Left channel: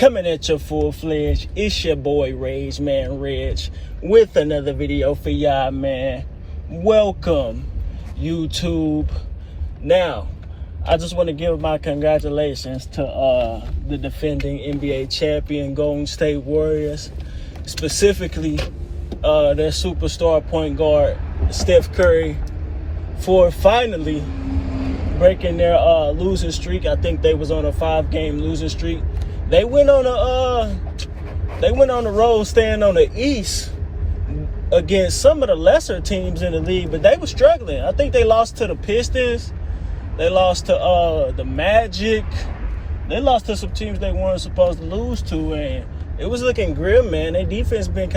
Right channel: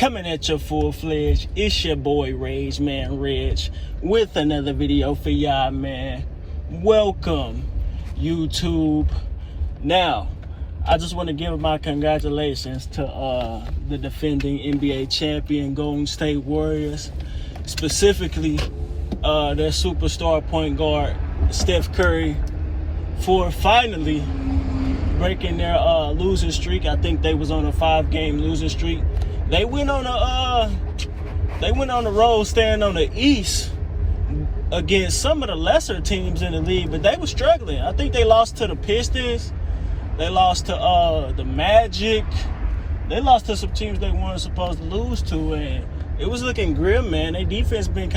Coming at you full-fledged, it's your boy Regg, with another video for y'all, man. Welcome, YouTube. Now, I just want to give my congratulations to the defending NBA champion Golden State Warriors, specifically their superstar point guard Steph Curry, for finally breaking their losing streak. I think they was on a 5-game losing streak. They went on the road, staying on the East against some of the lesser teams in the league, but they were struggling. I think they lost to the Pistons. They lost to the Magic. They lost to some teams they weren't supposed to lose to, and it was looking grim, man. Their defense it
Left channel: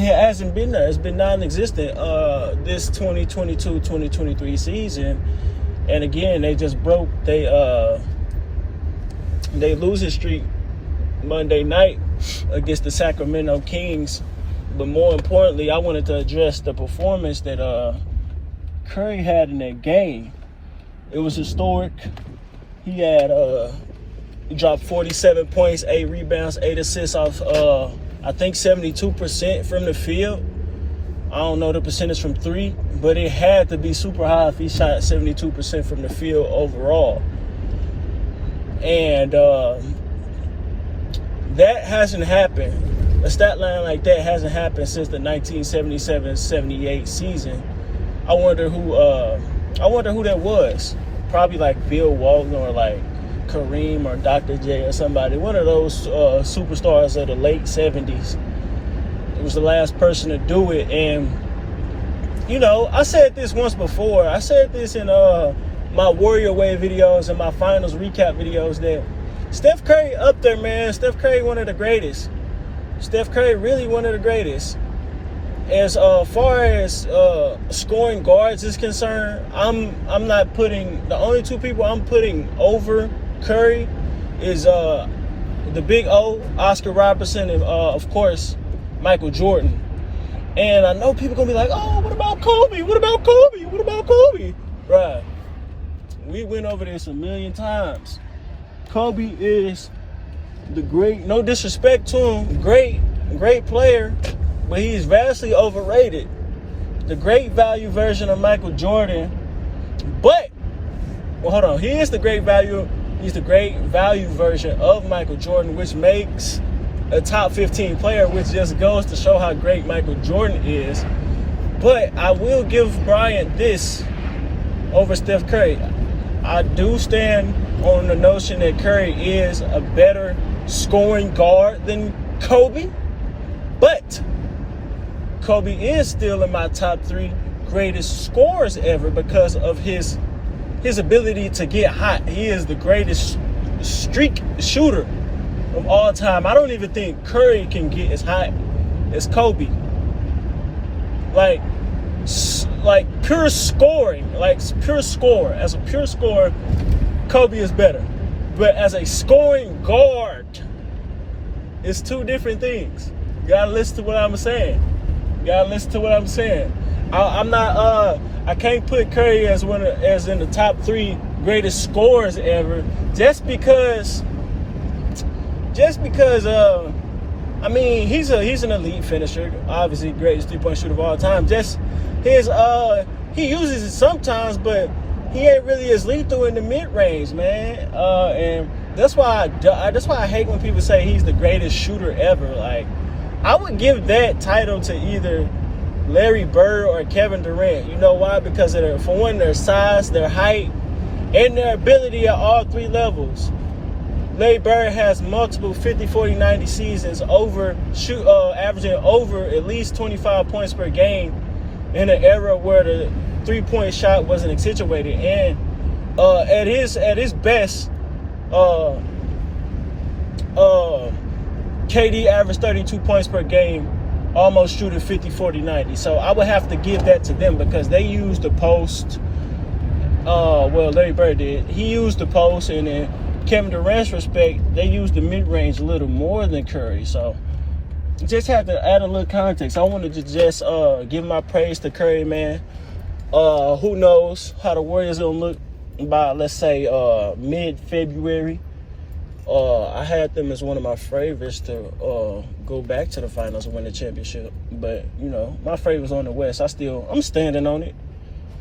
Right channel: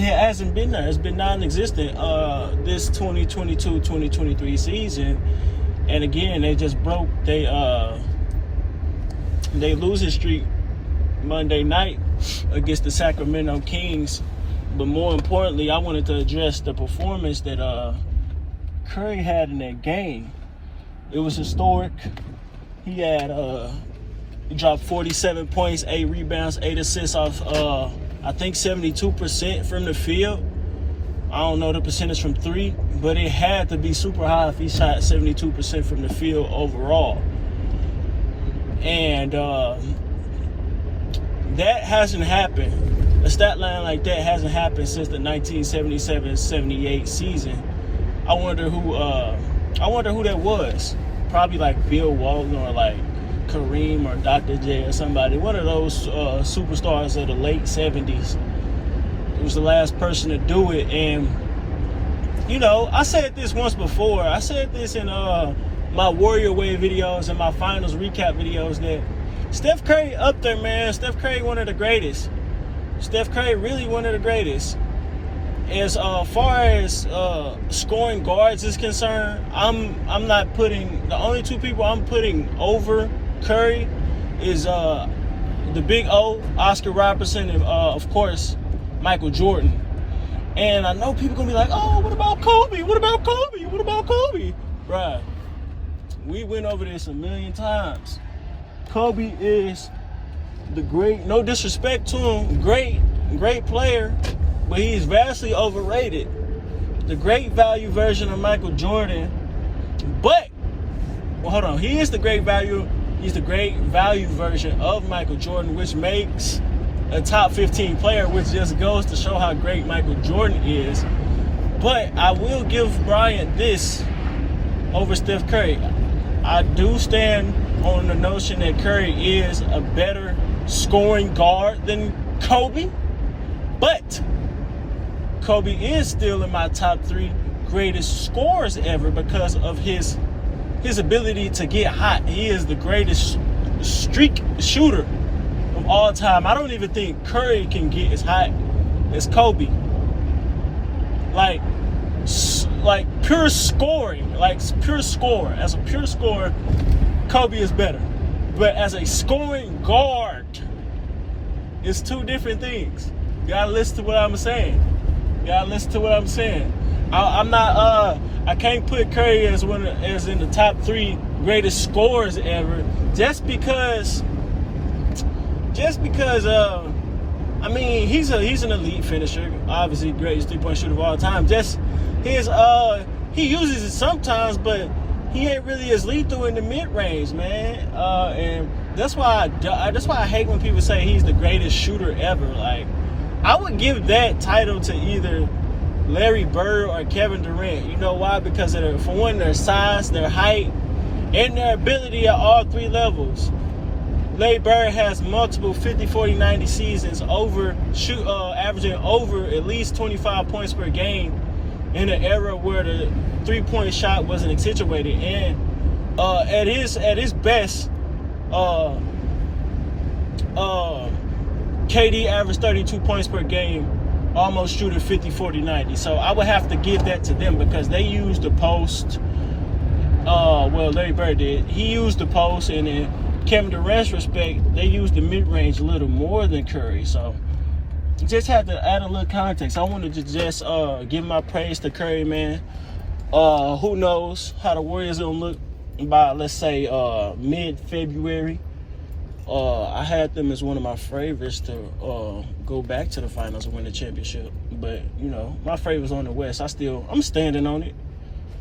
hasn't been there. It's been non-existent this 2022-2023 season. And again, they just broke they losing streak Monday night against the Sacramento Kings. But more importantly, I wanted to address the performance that Curry had in that game. It was historic. He dropped 47 points, 8 rebounds, 8 assists off I think 72% from the field. I don't know the percentage from 3, but it had to be super high if he shot 72% from the field overall. And that hasn't happened. A stat line like that hasn't happened since the 1977-78 season. I wonder who that was. Probably like Bill Walton or like Kareem or Dr. J or somebody. One of those superstars of the late 70s. It was the last person to do it. And, you know, I said this once before. I said this in my Warrior Way videos and my finals recap videos that Steph Curry up there, man. Steph Curry, one of the greatest. Steph Curry, really one of the greatest. As far as scoring guards is concerned, I'm not putting, the only two people I'm putting over Curry is the big O, Oscar Robertson, and of course Michael Jordan. And I know people gonna be like, oh, what about Kobe? What about Kobe? What about Kobe? Bruh, we went over this a million times. Kobe is the great, no disrespect to him, great player, but he's vastly overrated. The great value version of Michael Jordan. But, well, hold on, he's the great value version of Michael Jordan, which makes a top 15 player, which just goes to show how great Michael Jordan is. But I will give Bryant this over Steph Curry. I do stand on the notion that Curry is a better scoring guard than Kobe, but Kobe is still in my top 3 greatest scorers ever because of his ability to get hot. He is the greatest streak shooter of all time. I don't even think Curry can get as hot as Kobe. Like pure scoring, pure score. As a pure scorer, Kobe is better. But as a scoring guard, it's two different things. You gotta listen to what I'm saying. I can't put Curry as in the top 3 greatest scorers ever, just because I mean, he's an elite finisher, obviously greatest 3-point shooter of all time. Just he uses it sometimes, but he ain't really as lethal in the mid-range, man. And that's why I hate when people say he's the greatest shooter ever. Like, I would give that title to either Larry Bird or Kevin Durant. You know why? Because of their size, their height, and their ability at all 3 levels. Larry Bird has multiple 50, 40, 90 seasons, averaging over at least 25 points per game in an era where the 3-point shot wasn't accentuated. And at his best, KD averaged 32 points per game, almost shooting 50, 40, 90. So I would have to give that to them because they used the post. Larry Bird did. He used the post, and then Kevin Durant's respect, they used the mid-range a little more than Curry. So just had to add a little context. I wanted to just give my praise to Curry, man. Who knows how the Warriors gonna look by, let's say, mid-February. I had them as one of my favorites to go back to the finals and win the championship. But, you know, my favorites on the West. I'm standing on it.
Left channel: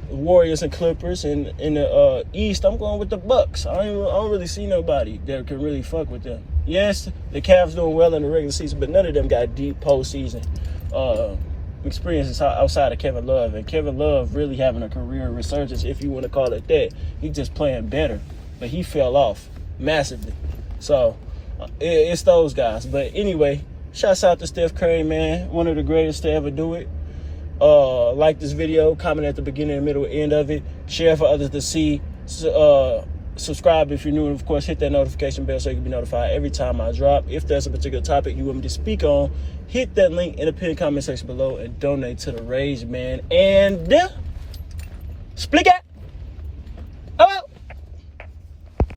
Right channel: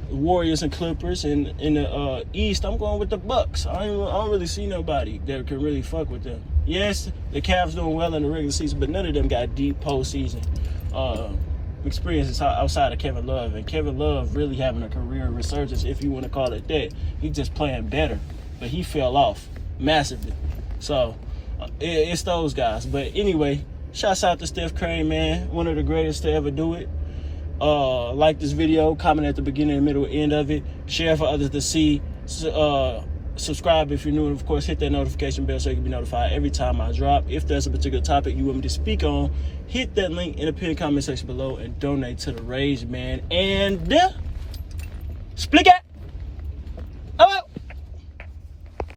Warriors and Clippers. And in the East, I'm going with the Bucks. I don't really see nobody that can really fuck with them. Yes, the Cavs doing well in the regular season, but none of them got deep postseason experiences outside of Kevin Love. And Kevin Love really having a career resurgence, if you want to call it that. He's just playing better, but he fell off massively. So it's those guys. But anyway, shouts out to Steph Curry, man. One of the greatest to ever do it. Like this video, comment at the beginning, the middle, end of it. Share for others to see. Subscribe if you're new, and of course hit that notification bell so you can be notified every time I drop. If there's a particular topic you want me to speak on, hit that link in the pinned comment section below and donate to the Regg, man. And split it.